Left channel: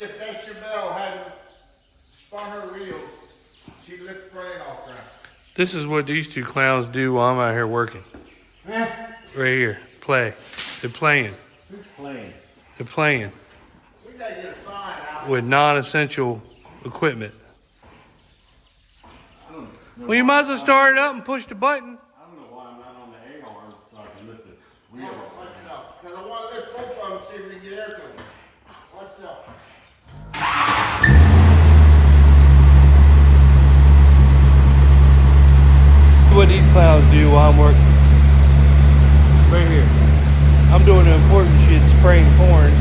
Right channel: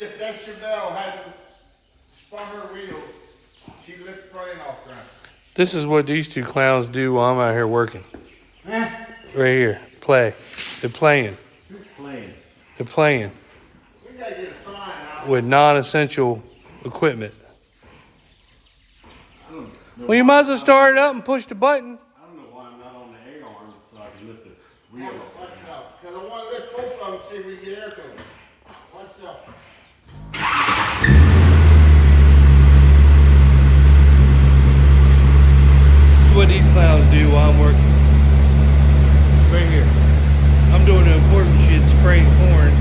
If that Chevelle hadn't spun her wheels, she'd lift right in off ground. This is what these two clowns do while I'm out here working. Right here, play. They're playing. Who's playing? They're playing We gotta get a sign out. with non-essential equipment. Well, you might as well start it up and push the button. I don't know why I'm not on the A arm so I can lift the wheel. Because I want to lift both of them, see if we can get air to them. Watch out. What these clowns do while I'm working. Right here. I'm doing the important shit, spraying corn.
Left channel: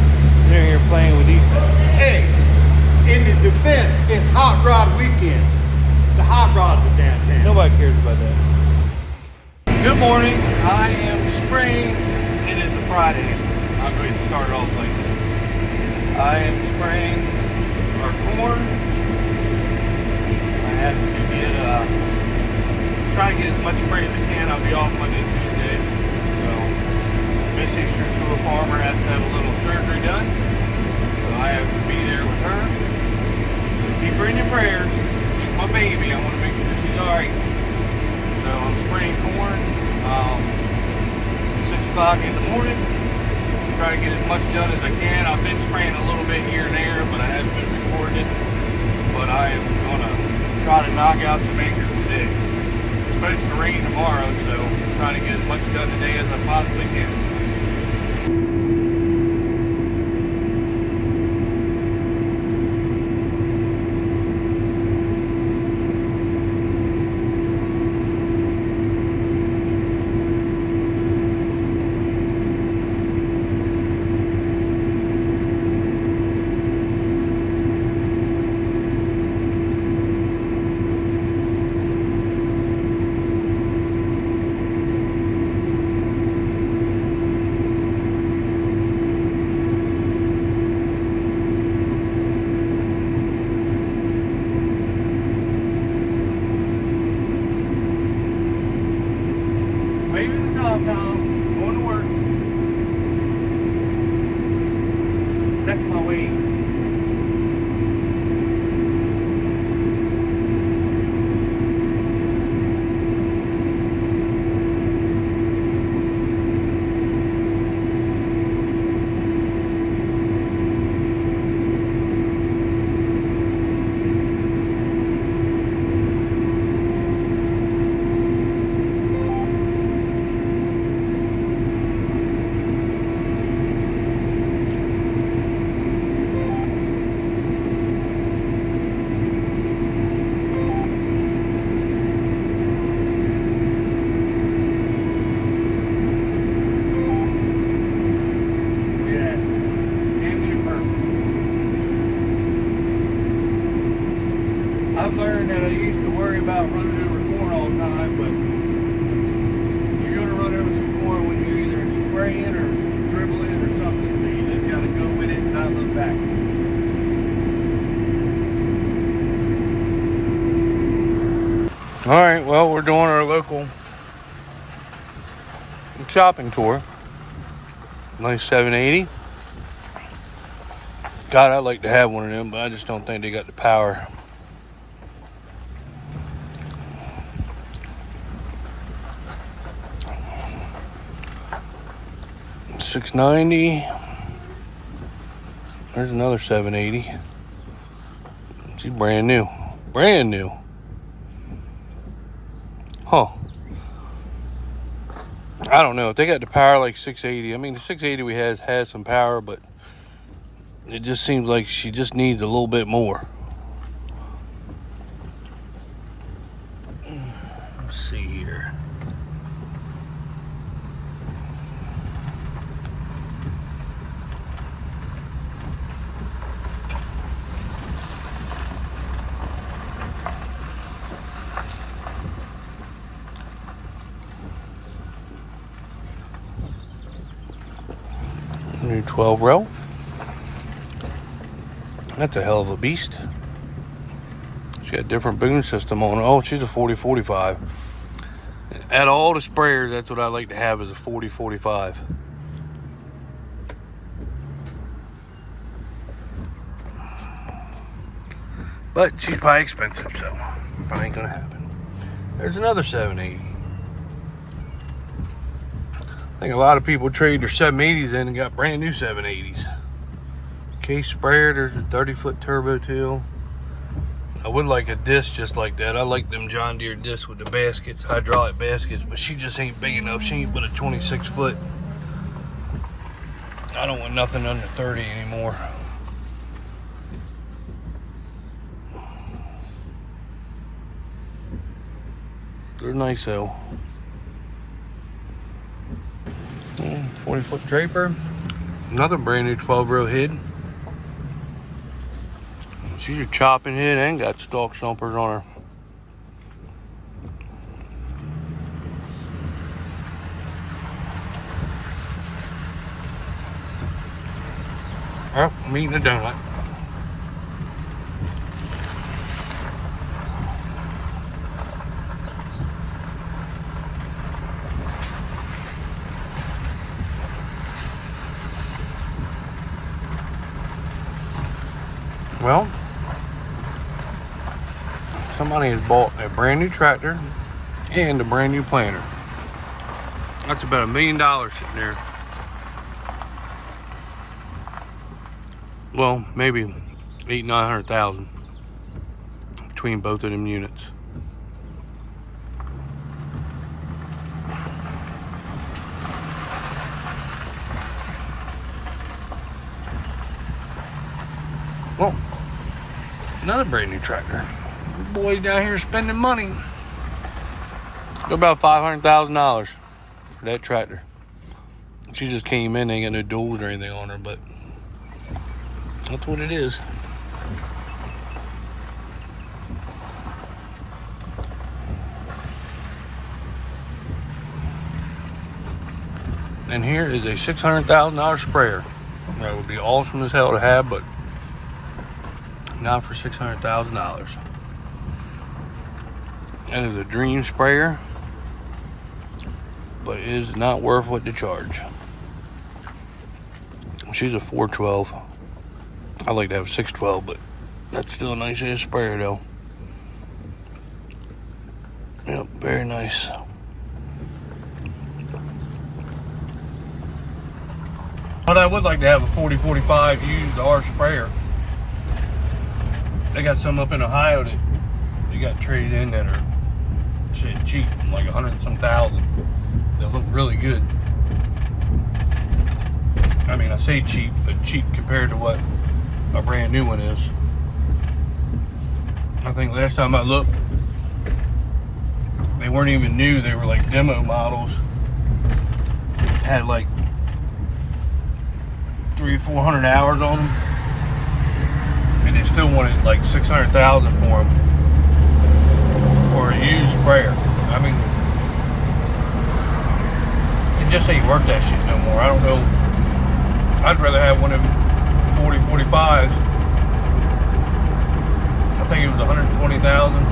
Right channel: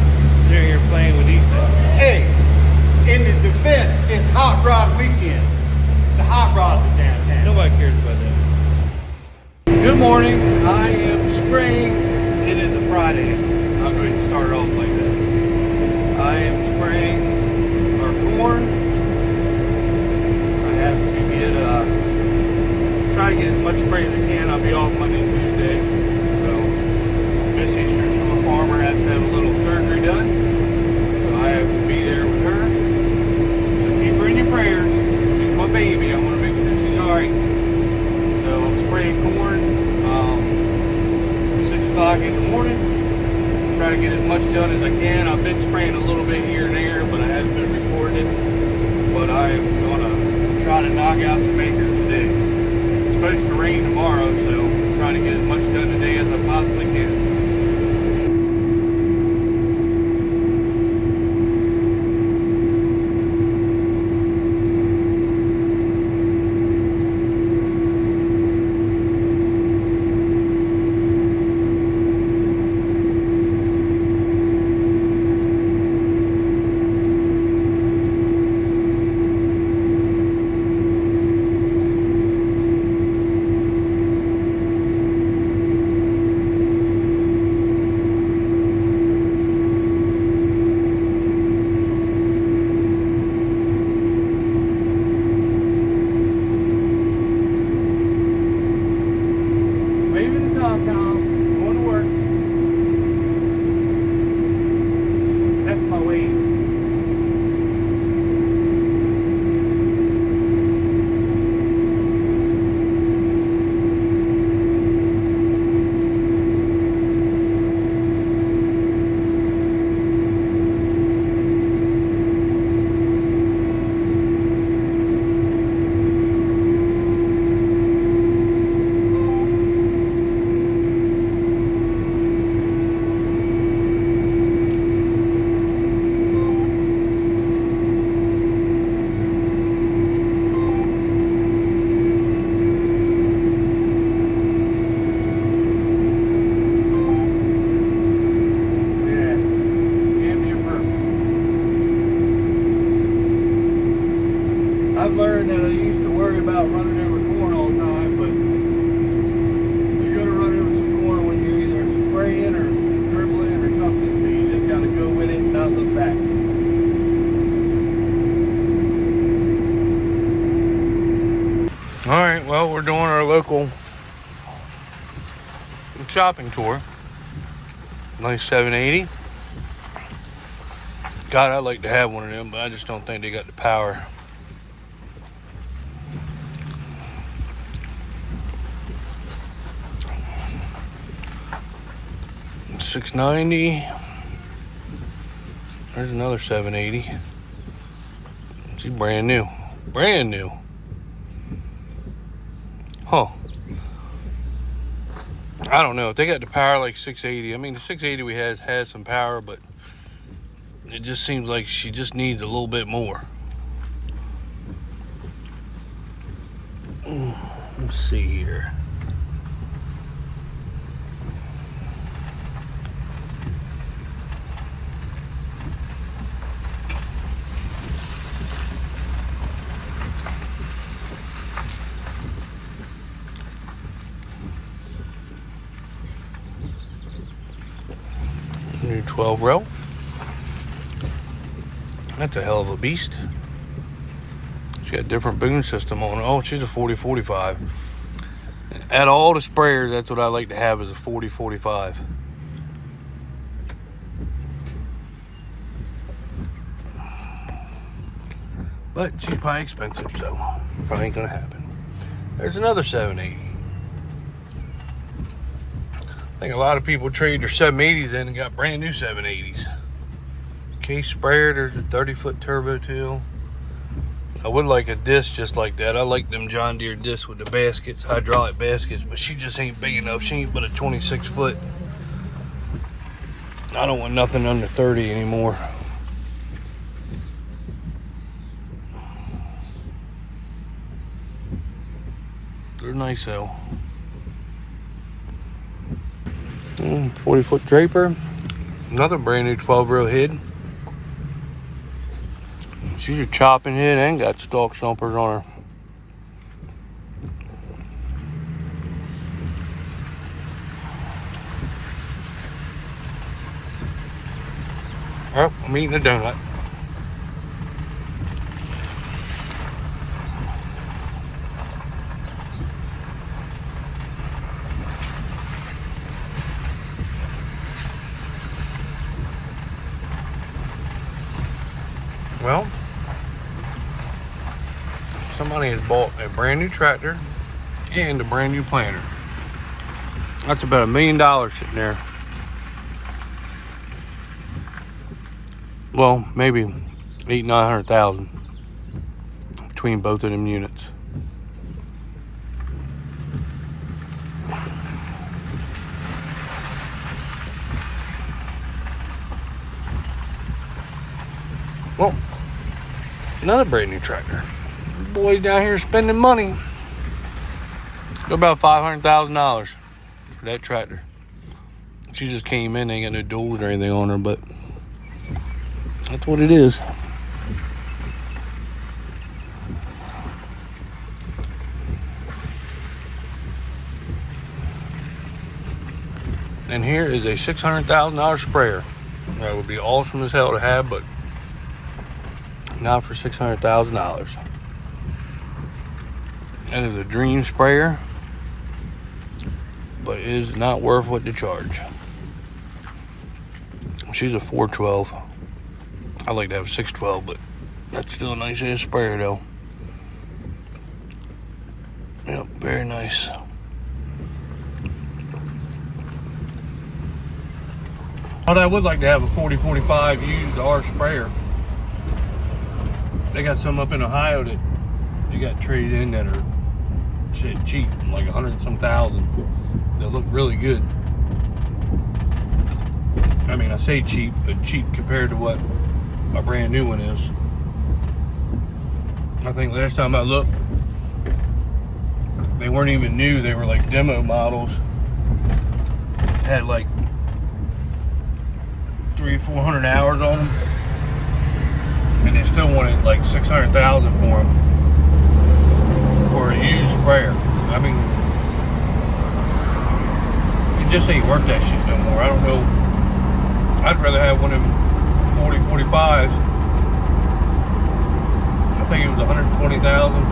They're here playing with these things. Hey, in your defense, it's hot rod weekend. The hot rods are downtown. Nobody cares about that. Good morning. I am spraying. It is a Friday. I'll go ahead and start it off like that. I am spraying our corn. I have to get try to get as much spray as I can. I'll be off Monday and Tuesday. So Miss Easters from a farmer has to have a little surgery done. So I have to be there with her. So keep her in your prayers. She's my baby. I want to make sure she's alright. So I'm spraying corn 6 o'clock in the morning. Try to get as much done as I can. I've been spraying a little bit here and there, but I haven't been recording it. But I am going to try to knock out some acres today. It's supposed to rain tomorrow, so I'm trying to get as much done today as I possibly can. Going to work. That's my way. I've learned that I used to worry about running over corn all the time, but you're going to run over some corn when you're either spraying or dribbling or something, so you just got to go with it and not look back. All right, well, we're doing our local shopping tour. Nice 780. God, I'd like to have one of them, but I just don't think they got the power. $690. There's another 780. She's brand new. Brand new. Huh. I don't know if they got the power like 680. I mean, the 680 we has some power, but it just seems like she just needs a little bit more. Let's see here. new 12 rail. That's a hell of a beast. She got a different boom system on her. Oh, she's a 40-45. At all the sprayers, that's what I like to have, is a 40-45. But she's probably expensive, so probably ain't gonna happen. There's another 780. I think a lot of people trade their 780s in and got brand new 780s. Case sprayer, there's a 30-foot turbo too. I would like a disc just like that. I like them John Deere discs with the baskets, hydraulic baskets, but she just ain't big enough. She ain't but a 26-foot. I don't want nothing under 30 anymore. They're nice though. 40-foot Draper. Another brand new 12-row head. She's a chopping head and got stalk stumpers on her. Oh, I'm eating a donut. Well, somebody has bought a brand new tractor and a brand new planter. That's about $1 million sitting there. Well, maybe 800,000-900,000 between both of them units. Well, another brand new tractor. Boys down here spending money. About $500,000 for that tractor. She just came in, ain't got no doors or anything on her, but that's what it is. And here is a $600,000 sprayer. That would be awesome as hell to have, but not for $600,000. That is a dream sprayer, but it is not worth what they charge. She's a 412. I like to have a 612, but that's still a nice ass sprayer though. Yep, very nice. But I would like to have a 40-45 used R sprayer. They got some up in Ohio that you got traded in that are shit cheap, like 100 and some thousand. They look really good. I mean, I say cheap, but cheap compared to what a brand new one is. I think last time I looked, they weren't even new. They were like demo models. Had like 300-400 hours on them, and they still wanted like 600,000 for them for a used sprayer. I mean, it just ain't worth that shit no more. I don't know. I'd rather have one of them 40-45s. I think it was 120,000.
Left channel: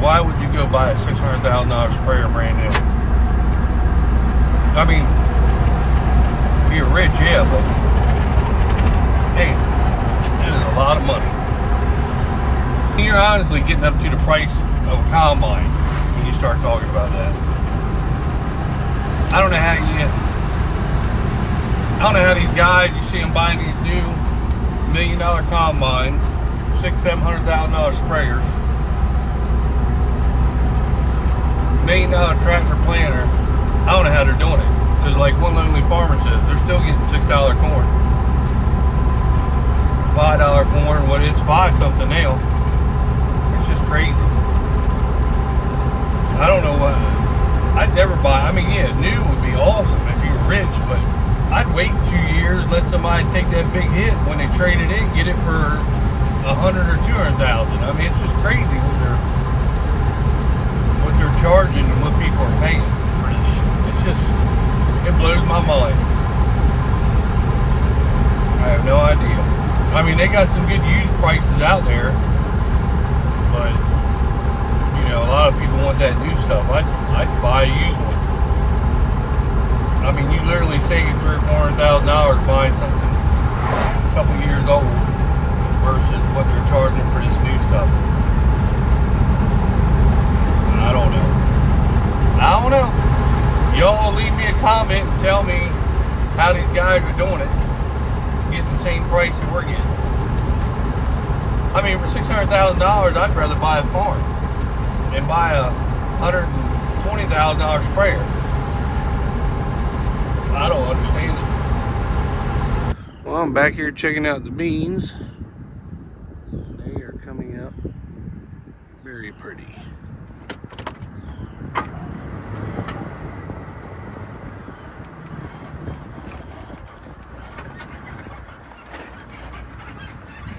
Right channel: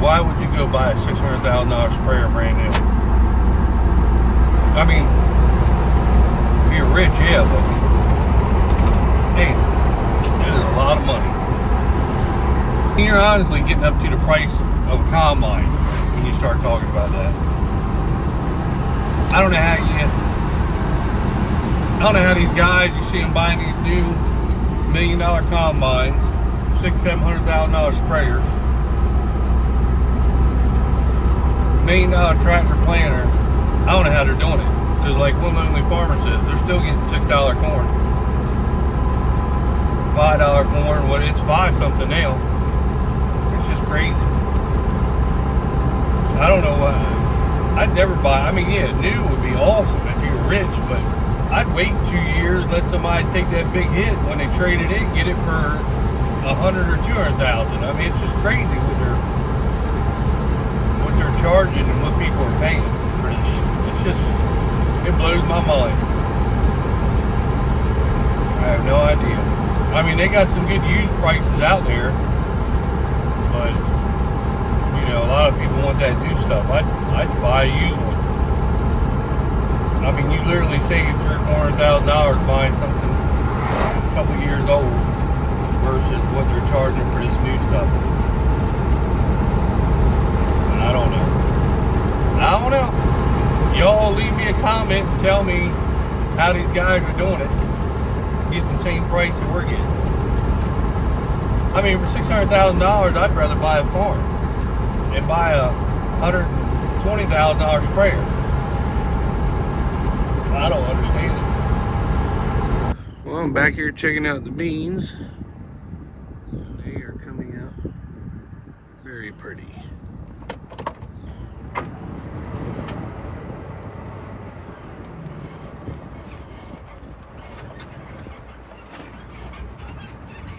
Why would you go buy a $600,000 sprayer brand new? I mean, if you're rich, yeah, but hey, that is a lot of money. You're honestly getting up to the price of a combine when you start talking about that. I don't know how these guys, you see them buying these new $1 million combines, $600,000-$700,000 sprayers, $1 million tractor planter. I don't know how they're doing it. Because like one lonely farmer says, they're still getting $6 corn. $5 corn, well, it's 5 something now. It's just crazy. I don't know what, I'd never buy, I mean, yeah, new would be awesome if you were rich, but I'd wait 2 years, let somebody take that big hit when they trade it in, get it for 100 or 200,000. I mean, it's just crazy what they're charging and what people are paying for this shit. It's just, it blows my mind. they got some good used prices out there, but you know, a lot of people want that new stuff. I'd buy a used one. I mean, you literally save $300,000 or $400,000 buying something a couple years old versus what they're charging for this new stuff. And I don't know. Y'all leave me a comment and tell me how these guys are doing it, getting the same price that we're getting. I mean, for $600,000, I'd rather buy a farm and buy a $120,000 sprayer. I don't understand it. Well, I'm back here checking out the beans. They are coming out very pretty.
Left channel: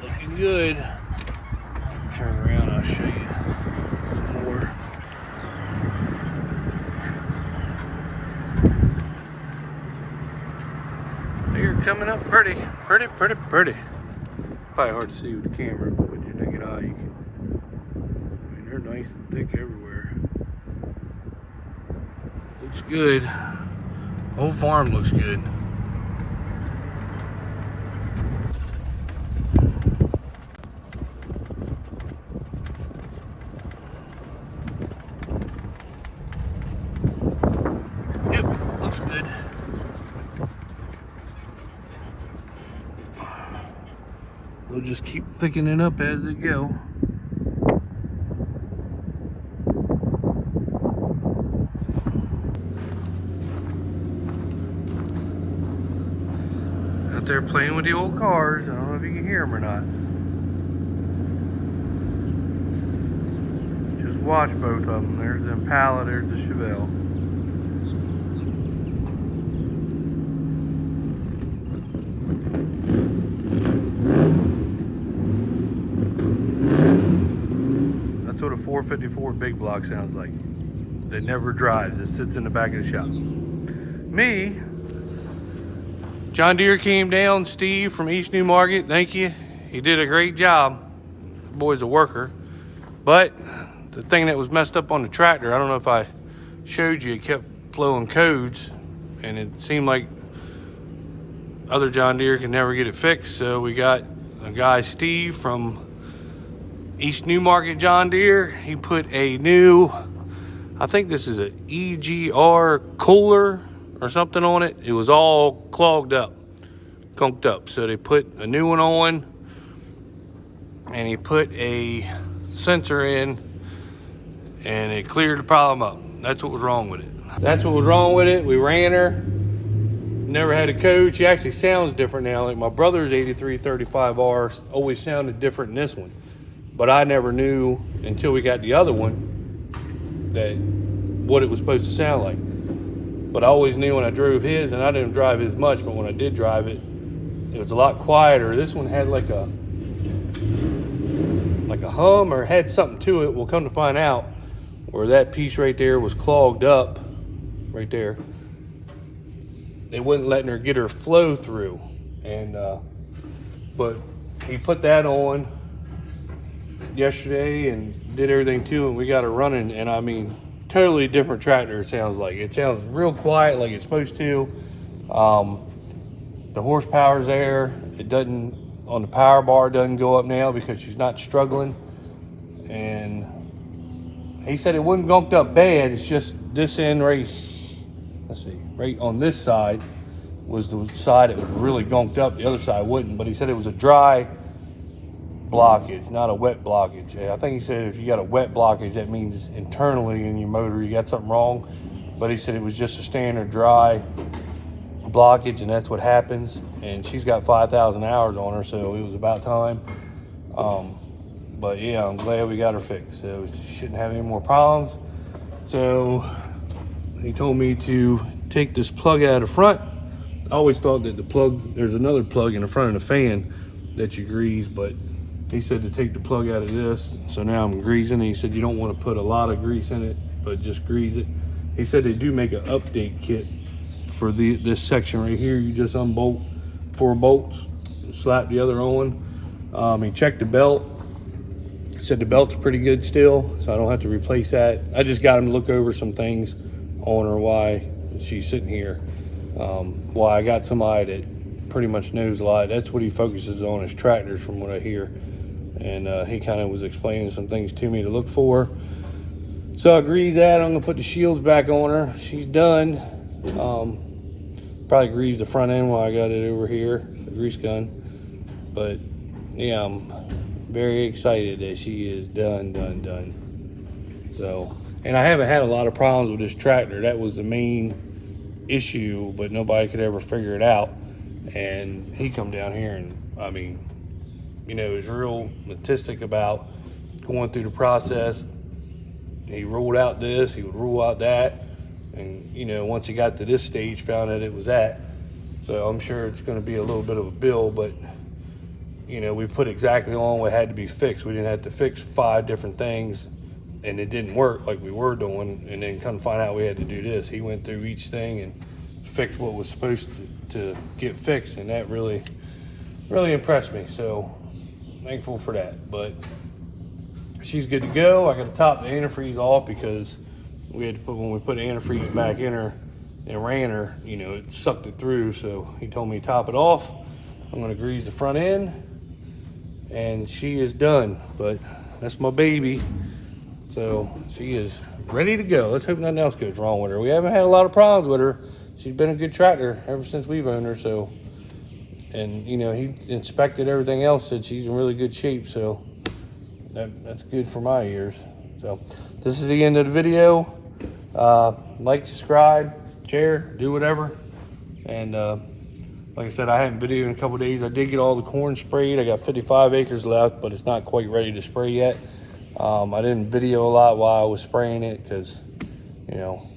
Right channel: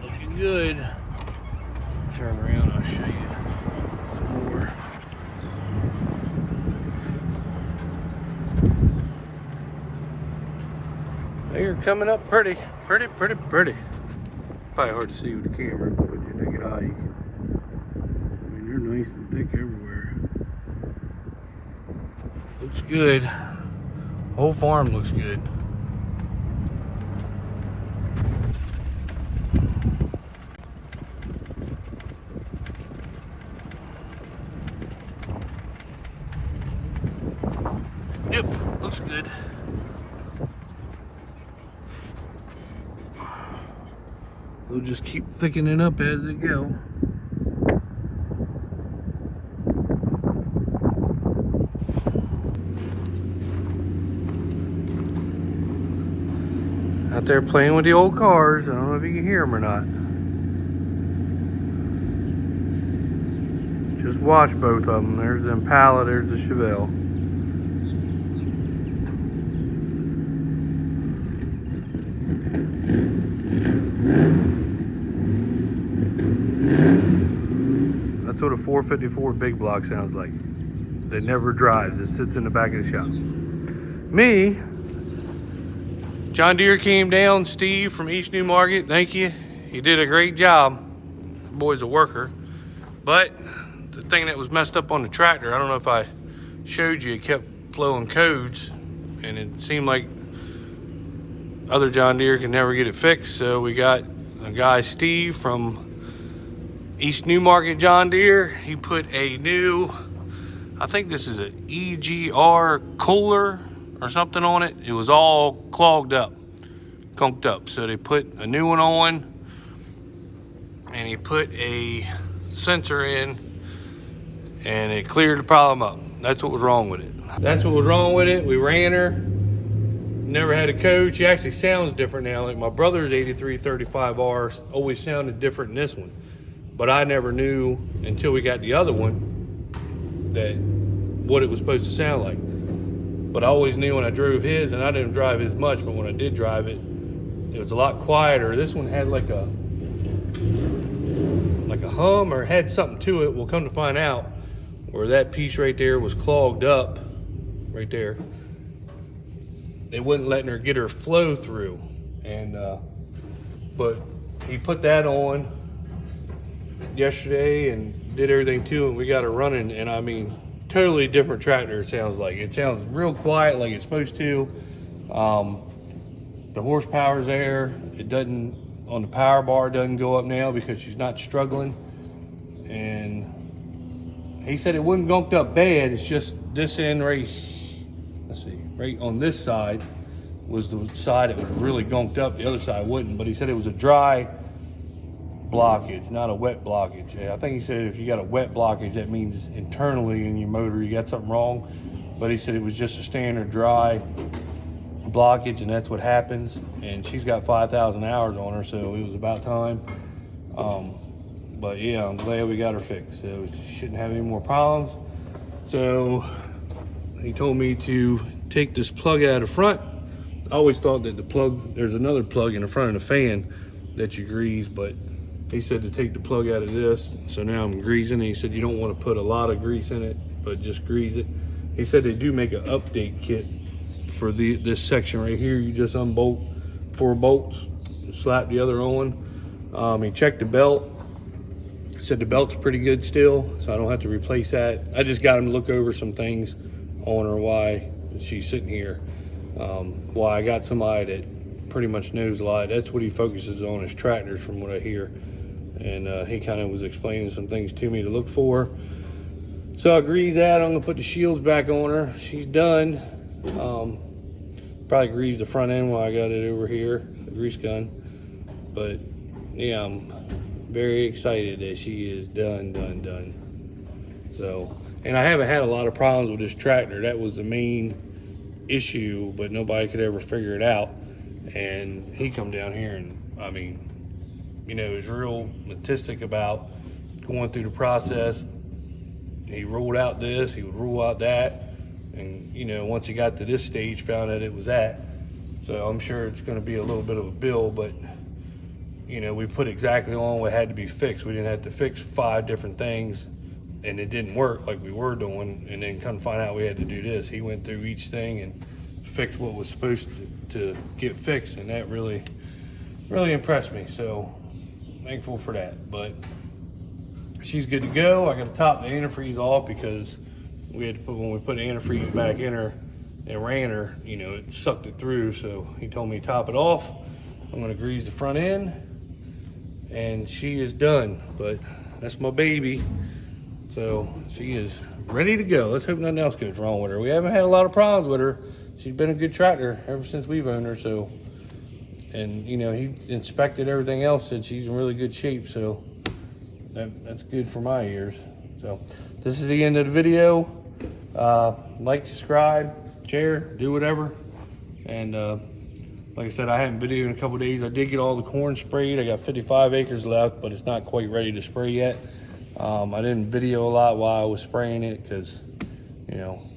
Looking good. Turn around, I'll show you some more. They're coming up pretty. Probably hard to see with the camera, but with your naked eye, you can. I mean, they're nice and thick everywhere. Looks good. Whole farm looks good. Yep, looks good. They'll just keep thickening up as they go. Out there playing with the old cars. I don't know if you can hear them or not. Just watch both of them. There's the Impala, there's the Chevelle. That's what a 454 big block sounds like. It never drives. It sits in the back of the shop. Me, John Deere came down. Steve from East New Market, thank you. He did a great job. The boy's a worker. But the thing that was messed up on the tractor, I don't know if I showed you, it kept flowing codes. And it seemed like other John Deere could never get it fixed. So we got a guy, Steve, from East New Market John Deere. He put a new, I think this is a EGR cooler or something on it. It was all clogged up, conked up. So they put a new one on, and he put a sensor in, and it cleared the problem up. That's what was wrong with it. We ran her. Never had a code. She actually sounds different now. Like my brother's 8335R always sounded different than this one. But I never knew until we got the other one that what it was supposed to sound like. But I always knew when I drove his, and I didn't drive his much, but when I did drive it, it was a lot quieter. This one had like a hum or had something to it. We'll come to find out where that piece right there was clogged up right there. They wouldn't letting her get her flow through. And but he put that on yesterday and did everything too, and we got her running. And I mean, totally different tractor. It sounds like it sounds real quiet, like it's supposed to. The horsepower's there. It doesn't on the power bar, doesn't go up now because she's not struggling. And he said it wasn't gunked up bad. It's just this end right, let's see, right on this side was the side that was really gunked up. The other side wouldn't. But he said it was a dry blockage, not a wet blockage. I think he said if you got a wet blockage, that means internally in your motor you got something wrong. But he said it was just a standard dry blockage, and that's what happens. And she's got 5,000 hours on her, so it was about time. But yeah, I'm glad we got her fixed. So she shouldn't have any more problems. So he told me to take this plug out of front. I always thought that the plug, there's another plug in the front of the fan that you grease, but he said to take the plug out of this. So now I'm greasing it. He said you don't want to put a lot of grease in it, but just grease it. He said they do make an update kit for this section right here. You just unbolt 4 bolts and slap the other on. He checked the belt. Said the belt's pretty good still, so I don't have to replace that. I just got him to look over some things on her, why she's sitting here. Why I got somebody that pretty much knows a lot. That's what he focuses on, is tractors, from what I hear. And he kind of was explaining some things to me to look for. So I agrees that I'm gonna put the shields back on her. She's done. Probably greased the front end while I got it over here, the grease gun. But yeah, I'm very excited that she is done. So, and I haven't had a lot of problems with this tractor. That was the main issue, but nobody could ever figure it out. And he come down here and, I mean, you know, he's real meticulous about going through the process. He ruled out this, he would rule out that. And, you know, once he got to this stage, found out it was that. So I'm sure it's gonna be a little bit of a bill, but you know, we put exactly on what had to be fixed. We didn't have to fix 5 different things and it didn't work like we were doing, and then come find out we had to do this. He went through each thing and fixed what was supposed to get fixed, and that really impressed me. So thankful for that. But she's good to go. I got to top the antifreeze off because we had to put, when we put the antifreeze back in her and ran her, you know, it sucked it through. So he told me to top it off. I'm gonna grease the front end, and she is done. But that's my baby. So she is ready to go. Let's hope nothing else goes wrong with her. We haven't had a lot of problems with her. She's been a good tractor ever since we've owned her. So, and you know, he inspected everything else, said she's in really good shape. So that's good for my ears. So this is the end of the video. Like, subscribe, share, do whatever. And like I said, I haven't videoed in a couple days. I did get all the corn sprayed. I got 55 acres left, but it's not quite ready to spray yet. I didn't video a lot while I was spraying it because, you know,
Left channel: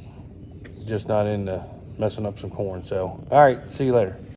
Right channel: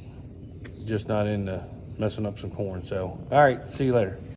just not into messing up some corn. So, all right, see you later.